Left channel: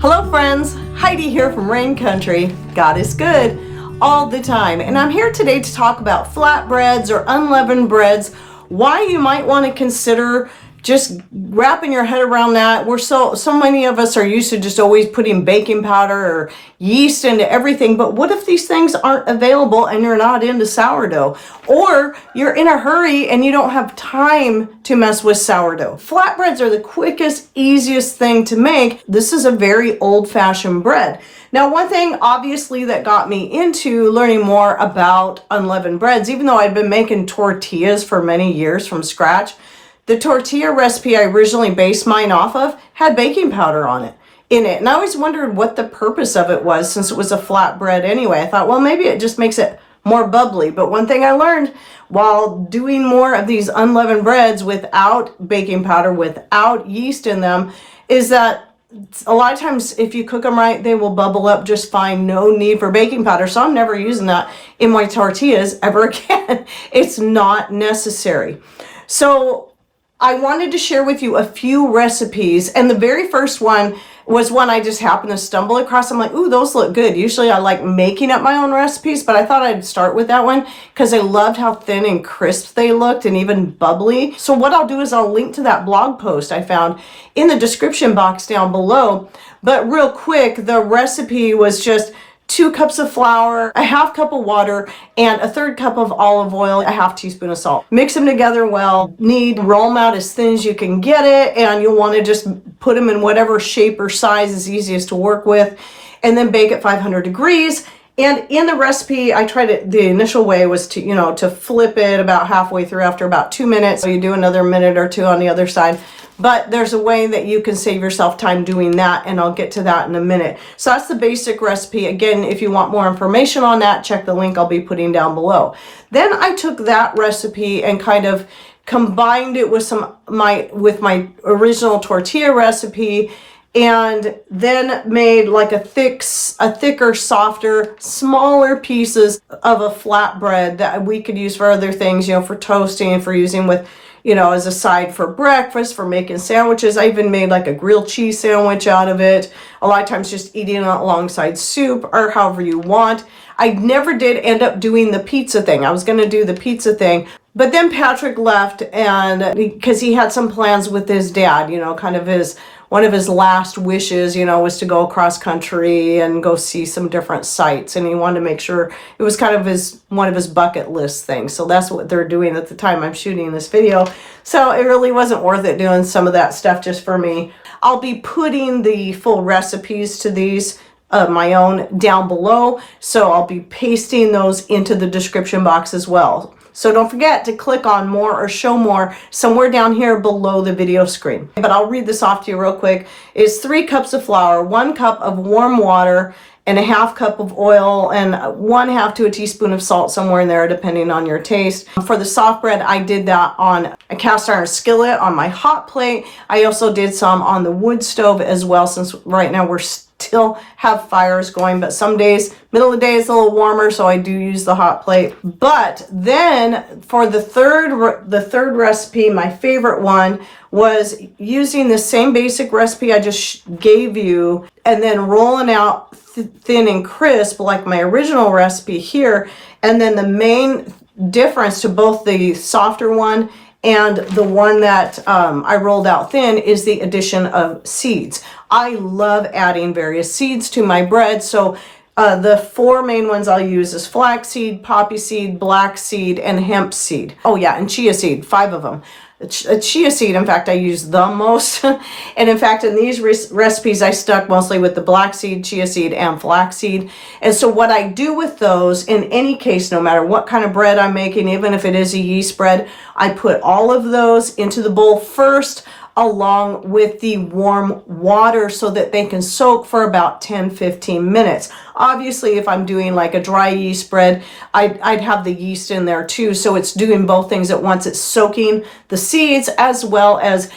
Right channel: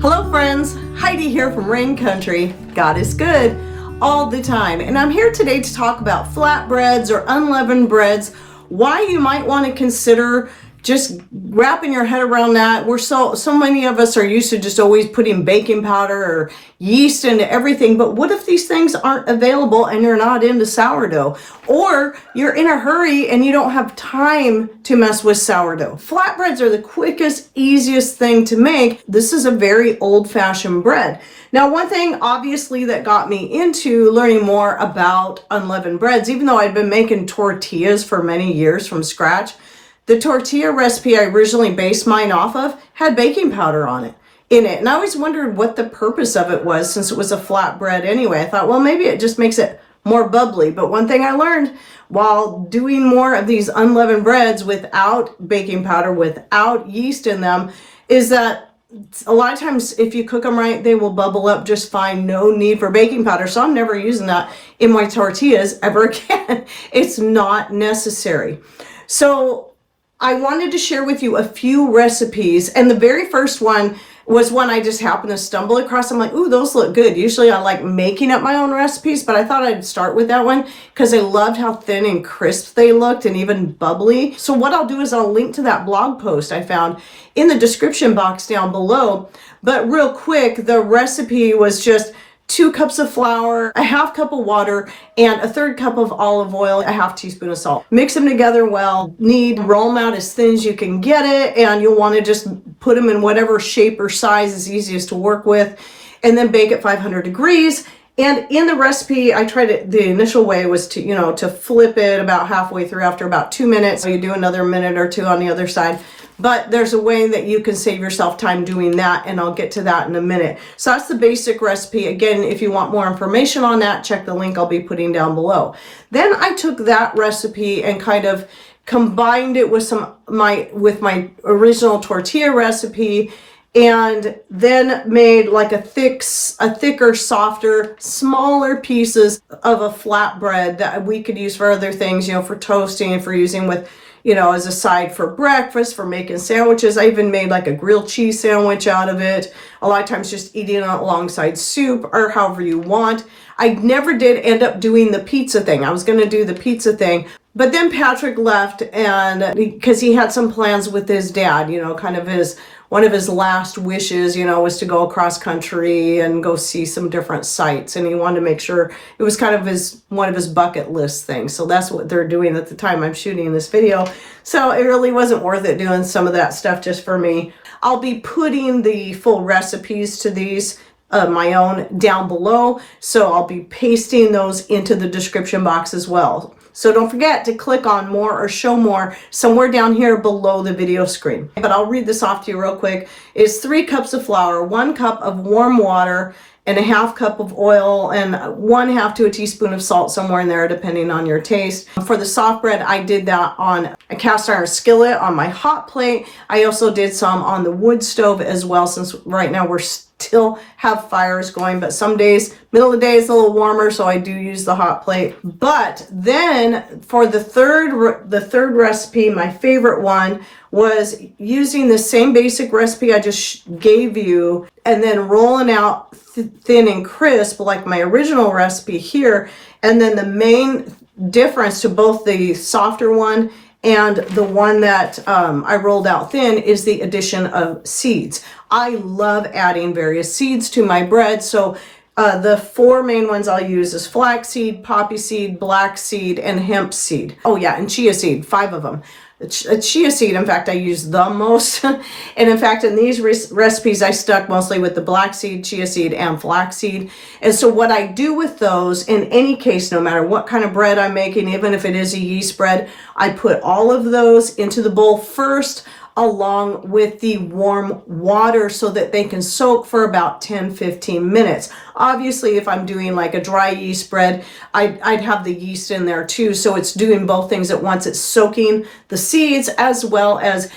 Hello friends, Heidi here from Rain Country. God is good all the time. And I'm here today to talk about flatbreads or unleavened breads, why you might want to consider just wrapping your head around that. We're so many of us are used to just always putting baking powder or yeast into everything, but what if these things aren't available and you're not into sourdough? Or you're in a hurry and you don't have time to mess with sourdough. Flatbreads are the quickest, easiest thing to make. This is a very old-fashioned bread. Now, one thing obviously that got me into learning more about unleavened breads, even though I'd been making tortillas for many years from scratch, the tortilla recipe I originally based mine off of had baking powder in it. And I always wondered what the purpose of it was, since it was a flat bread anyway. I thought, well, maybe it just makes it more bubbly. But one thing I learned while doing more of these unleavened breads without baking powder, without yeast in them, is that a lot of times if you cook them right, they will bubble up just fine. No need for baking powder. So I'm never using that in my tortillas ever again. It's not necessary. So I wanted to share with you a few recipes, and the very first one was one I just happened to stumble across. I'm like, ooh, those look good. Usually I like making up my own recipes, but I thought I'd start with that one because I loved how thin and crisp they looked and even bubbly. So what I'll do is I'll link to that blog post I found in the description box down below. But real quick, the recipe was just 2 cups of flour, a half cup of water, and a 1/3 cup of olive oil, a half teaspoon of salt. Mix them together well, roll them out as thin as you can get it, and you'll want to just put them in whatever shape or size is easiest to work with, and then bake at 500 degrees. And in the recipe, I tried it, the initial way was to, to flip it about halfway through after about 2 minutes. So you do another minute or two on the other side. But there's a way that you can save yourself time doing that, and I'll get to that in a minute. So that's the basic recipe. Again, if you want more information on that, check the link I'll be putting down below. Then I took that recipe and kind of combined it with my original tortilla recipe, and then made like a thicker, softer, smaller pieces of a flatbread that we could use for other things, for toasting, for using with, as a side for breakfast, for making sandwiches. I even made like a grilled cheese sandwich out of it. A lot of times just eating it alongside soup or however you want. I never did end up doing the pizza thing. I was going to do the pizza thing, but then Patrick left, and because he had some plans with his dad, kind of one of his last wishes, was to go across country and go see some different sites. And he wanted to make sure it was kind of one of his bucket list things. So that's what they're doing at the time I'm shooting this video. So it really wasn't worth it doing some of that stuff just for me. I'll be putting the full recipes to these, my own, down below. So I'll be pasting those into the description box as well. So don't forget to click on more or show more somewhere down here below the video screen. But I'll read this off to you real quick. It's 3 cups of flour, 1 cup of warm water, and a half cup of oil, and 1/2 to a teaspoon of salt, somewhere in there depending on your taste. For the soft bread, I did that on a cast iron skillet on my hot plate. I also did some on the wood stove as well, since right now we're still have fires going, but some days, middle of the day, it's a little warmer, so I do use the hot plate. But then for the third recipe, my favorite one was using the same basic recipe I just gave you, and then rolling out thin and crisp like my original recipe here. And then the main difference to both the softer one and the one that I rolled out thin is the addition of seeds. I love adding various seeds to my bread. So the 4 main ones I'll use is flax seed, poppy seed, black seed, and hemp seed. Oh yeah, and chia seed, 5 of them. Chia seed, in fact, I use the most. And in fact, in these recipes, I stuck mostly with the black seed, chia seed, and flax seed. And so what I do with those, in any case, no matter what kind of bread I'm making, even if it is a yeast bread, I put all of those into the bowl first, along with the warm water, so that they can soak for about 10-15 minutes. Obviously, if I'm doing like a dry yeast bread, I'd have the yeast in there too, so it's doing both things at once. It's soaking the seeds as well as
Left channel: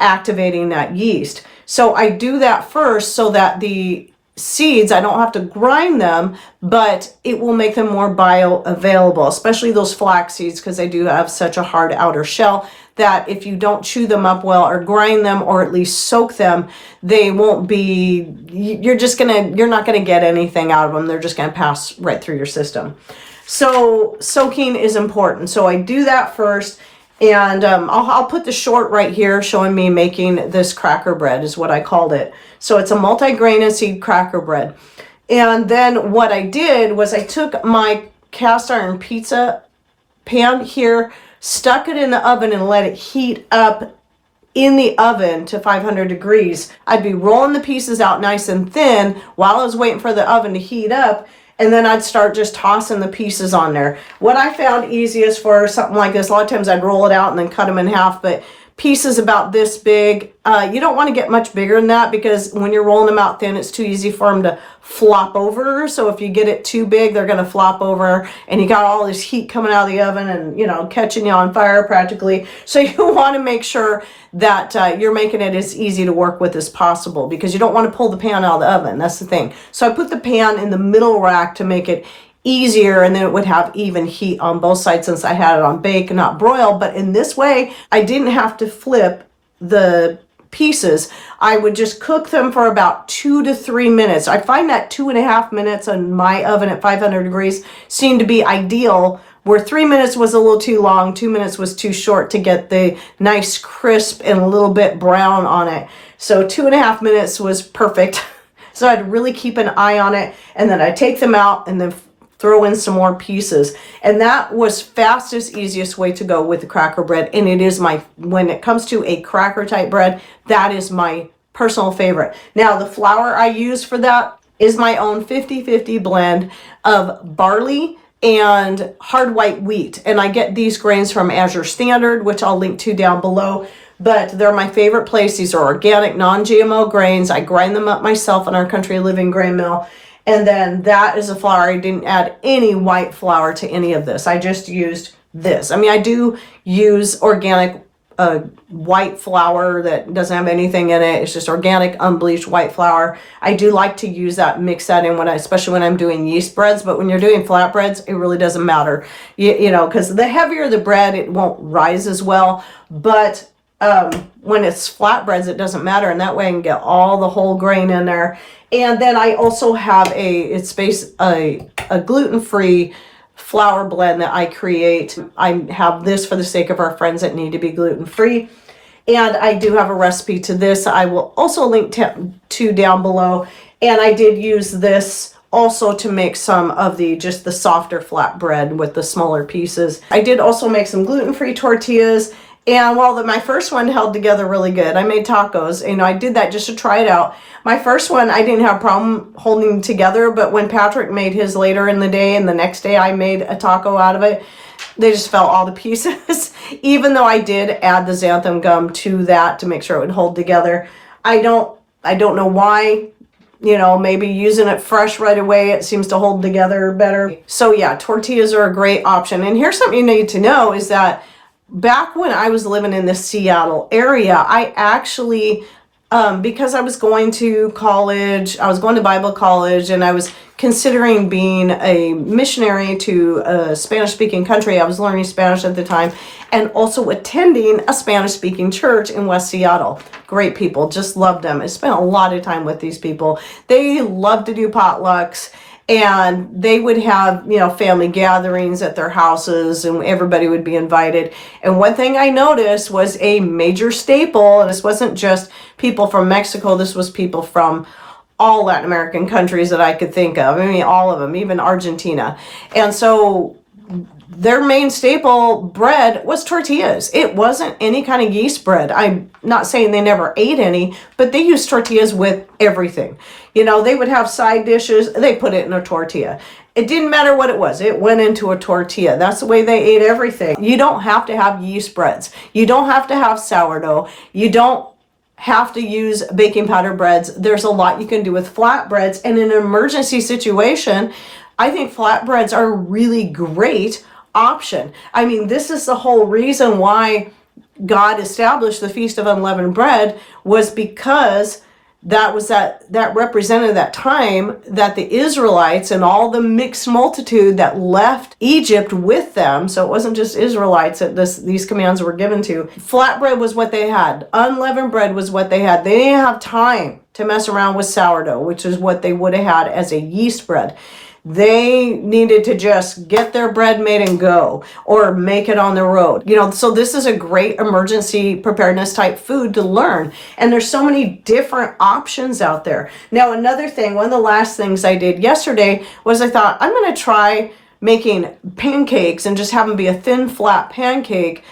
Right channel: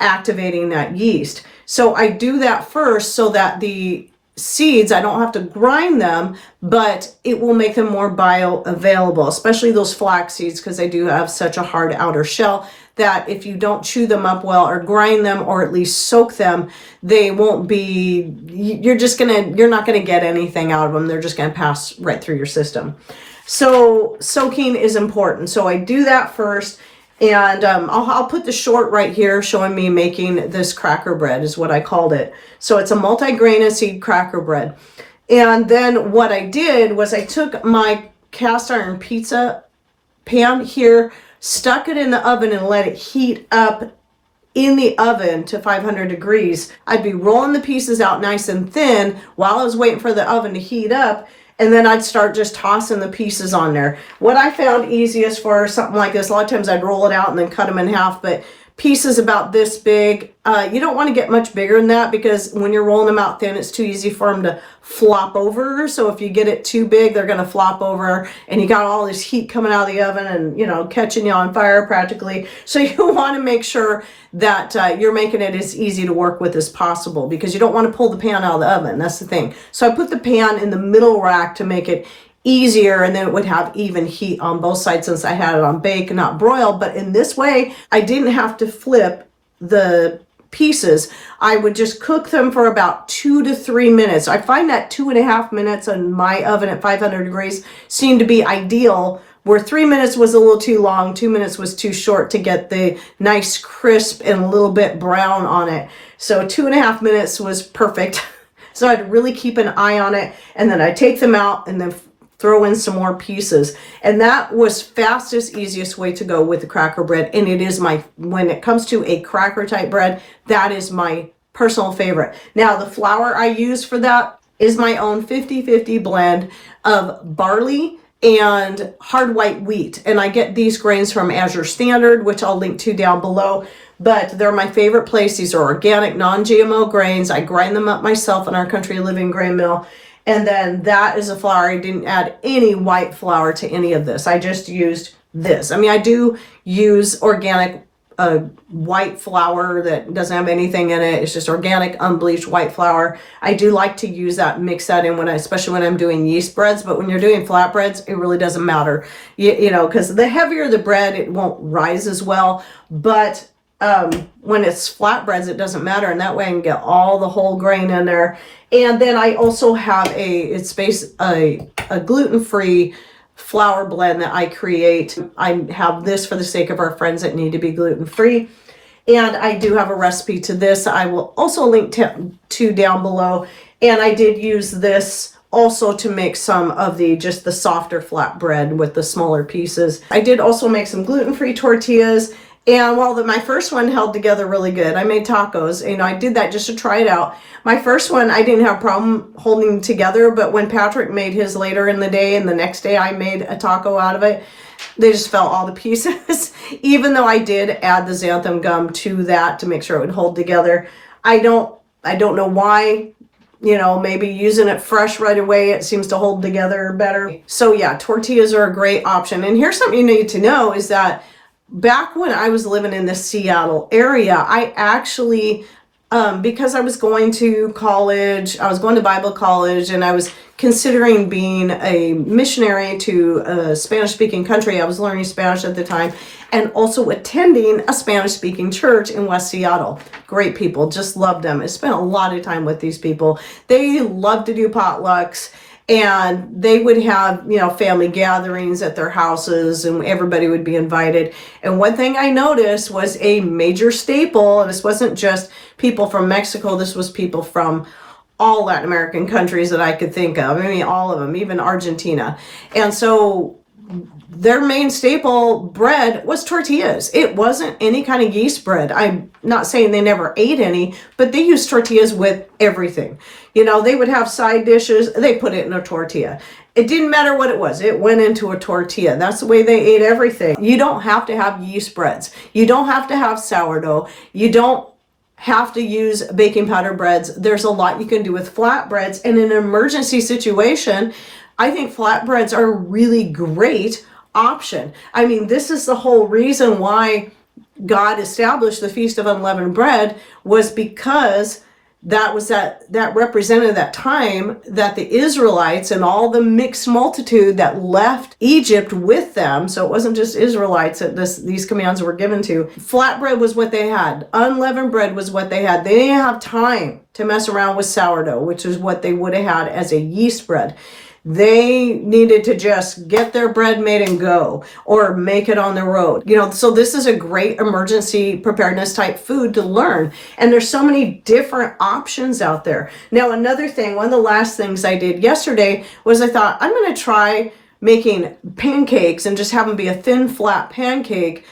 activating that yeast. So I do that first so that the seeds. I don't have to grind them, but it will make them more bioavailable, especially those flax seeds, because they do have such a hard outer shell that if you don't chew them up well or grind them or at least soak them, they won't be, you're not gonna get anything out of them. They're just gonna pass right through your system. So soaking is important. So I do that first. And I'll put the short right here showing me making this cracker bread is what I called it. So it's a multi-grain and seed cracker bread. And then what I did was I took my cast iron pizza pan here, stuck it in the oven and let it heat up in the oven to 500 degrees. I'd be rolling the pieces out nice and thin while I was waiting for the oven to heat up. And then I'd start just tossing the pieces on there. What I found easiest for something like this, a lot of times I'd roll it out and then cut them in half, but pieces about this big, you don't want to get much bigger than that, because when you're rolling them out thin, it's too easy for them to flop over. So if you get it too big, they're going to flop over, and you got all this heat coming out of the oven and, you know, catching you on fire practically. So you want to make sure that you're making it as easy to work with as possible, because you don't want to pull the pan out of the oven. That's the thing. So I put the pan in the middle rack to make it easier, and then it would have even heat on both sides since I had it on bake and not broil. But in this way, I didn't have to flip the pieces. I would just cook them for about 2 to 3 minutes. I find that 2.5 minutes on my oven at 500 degrees seemed to be ideal, where 3 minutes was a little too long, 2 minutes was too short to get the nice crisp and a little bit brown on it. So 2.5 minutes was perfect. So I'd really keep an eye on it, and then I'd take them out and then throw in some more pieces. And that was fastest, easiest way to go with the cracker bread. And it is when it comes to a cracker type bread, that is my personal favorite. Now the flour I use for that is my own 50-50 blend of barley and hard white wheat. And I get these grains from Azure Standard, which I'll link to down below. But they're my favorite place. These are organic, non-GMO grains. I grind them up myself in our Country Living grain mill. And then that is a flour. I didn't add any white flour to any of this. I just used this. I mean, I do use organic white flour that doesn't have anything in it. It's just organic, unbleached white flour. I do like to use that, mix that in especially when I'm doing yeast breads. But when you're doing flatbreads, it really doesn't matter. You know, because the heavier the bread, it won't rise as well. But when it's flatbreads, it doesn't matter. And that way I can get all the whole grain in there. And then I also have a gluten-free flour blend that I create. I have this for the sake of our friends that need to be gluten-free. And I do have a recipe to this. I will also link to down below. And I did use this also to make some of just the softer flat bread with the smaller pieces. I did also make some gluten-free tortillas. And while my first one held together really good, I made tacos. You know, I did that just to try it out. My first one, I didn't have a problem holding together, but when Patrick made his later in the day and the next day I made a taco out of it, they just fell all to pieces. Even though I did add the xanthan gum to that to make sure it would hold together. I don't know why. You know, maybe using it fresh right away, it seems to hold together better. So yeah, tortillas are a great option. And here's something you need to know is that back when I was living in the Seattle area, I actually, because I was going to college, I was going to Bible college, and I was considering being a missionary to a Spanish-speaking country. I was learning Spanish at the time, and also attending a Spanish-speaking church in West Seattle. Great people, just loved them. I spent a lot of time with these people. They love to do potlucks. And they would have, you know, family gatherings at their houses, and everybody would be invited. And one thing I noticed was a major staple, and this wasn't just people from Mexico, this was people from all Latin American countries that I could think of. I mean, all of them, even Argentina. And so their main staple bread was tortillas. It wasn't any kind of yeast bread. I'm not saying they never ate any, but they used tortillas with everything. You know, they would have side dishes. They put it in a tortilla. It didn't matter what it was. It went into a tortilla. That's the way they ate everything. You don't have to have yeast breads. You don't have to have sourdough. You don't have to use baking powder breads. There's a lot you can do with flatbreads. And in an emergency situation, I think flatbreads are a really great option. I mean, this is the whole reason why God established the Feast of Unleavened Bread, was because that represented that time that the Israelites and all the mixed multitude that left Egypt with them. So it wasn't just Israelites that these commands were given to. Flatbread was what they had. Unleavened bread was what they had. They didn't have time to mess around with sourdough, which is what they would have had as a yeast bread. They needed to just get their bread made and go, or make it on the road. So this is a great emergency preparedness type food to learn. And there's so many different options out there. Now, another thing, one of the last things I did yesterday was I thought, I'm going to try making pancakes and just have them be a thin, flat pancake,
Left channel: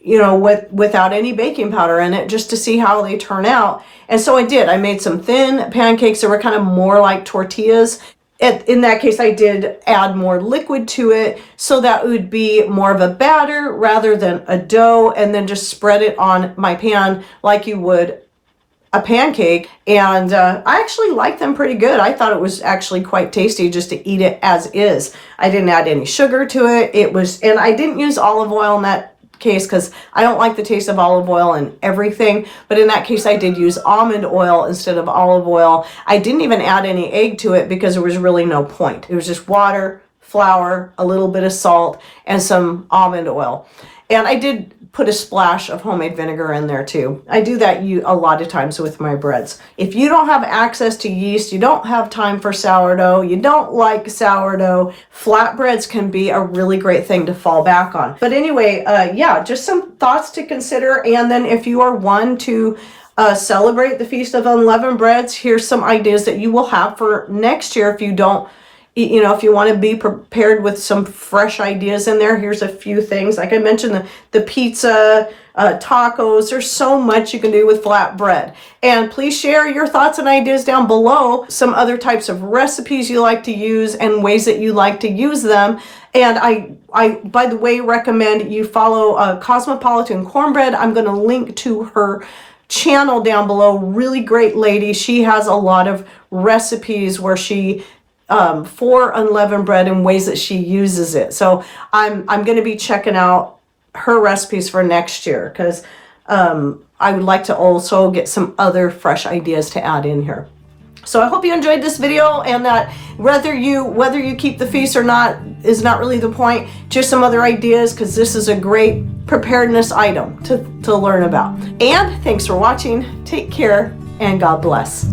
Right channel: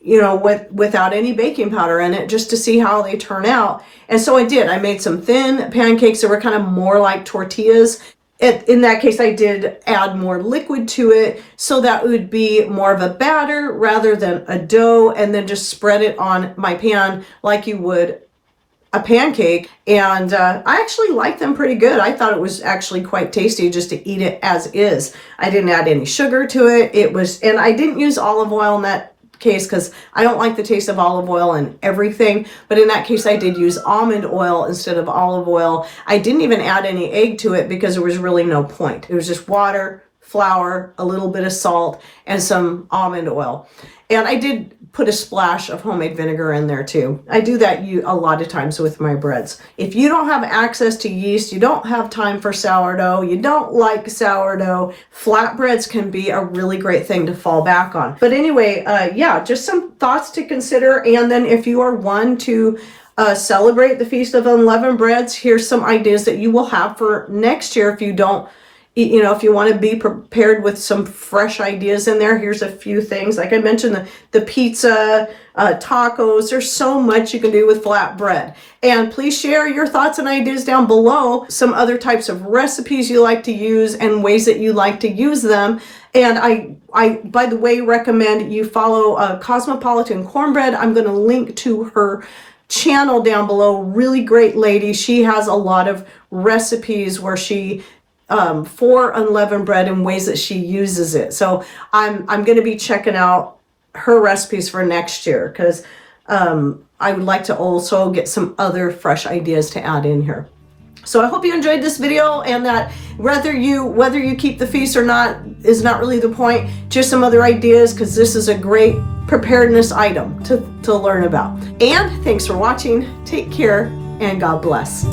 without any baking powder in it, just to see how they turn out. And so I did. I made some thin pancakes that were kind of more like tortillas. In that case, I did add more liquid to it, so that it would be more of a batter rather than a dough, and then just spread it on my pan like you would a pancake. And I actually liked them pretty good. I thought it was actually quite tasty just to eat it as is. I didn't add any sugar to it. And I didn't use olive oil in that case because I don't like the taste of olive oil and everything, but in that case I did use almond oil instead of olive oil. I didn't even add any egg to it because there was really no point. It was just water, flour, a little bit of salt, and some almond oil. And I did put a splash of homemade vinegar in there too. I do that a lot of times with my breads. If you don't have access to yeast, you don't have time for sourdough, you don't like sourdough, flatbreads can be a really great thing to fall back on. But anyway, just some thoughts to consider. And then if you are one to celebrate the Feast of Unleavened Breads, here's some ideas that you will have for next year if you don't. If you want to be prepared with some fresh ideas in there, here's a few things. Like I mentioned, the pizza, tacos, there's so much you can do with flatbread. And please share your thoughts and ideas down below, some other types of recipes you like to use and ways that you like to use them. And I by the way, recommend you follow Cosmopolitan Cornbread. I'm going to link to her channel down below. Really great lady. She has a lot of recipes where she for unleavened bread and ways that she uses it. So I'm going to be checking out her recipes for next year because I would like to also get some other fresh ideas to add in here. So I hope you enjoyed this video, and that whether you keep the feast or not is not really the point. Just some other ideas, because this is a great preparedness item to learn about. And thanks for watching. Take care and God bless.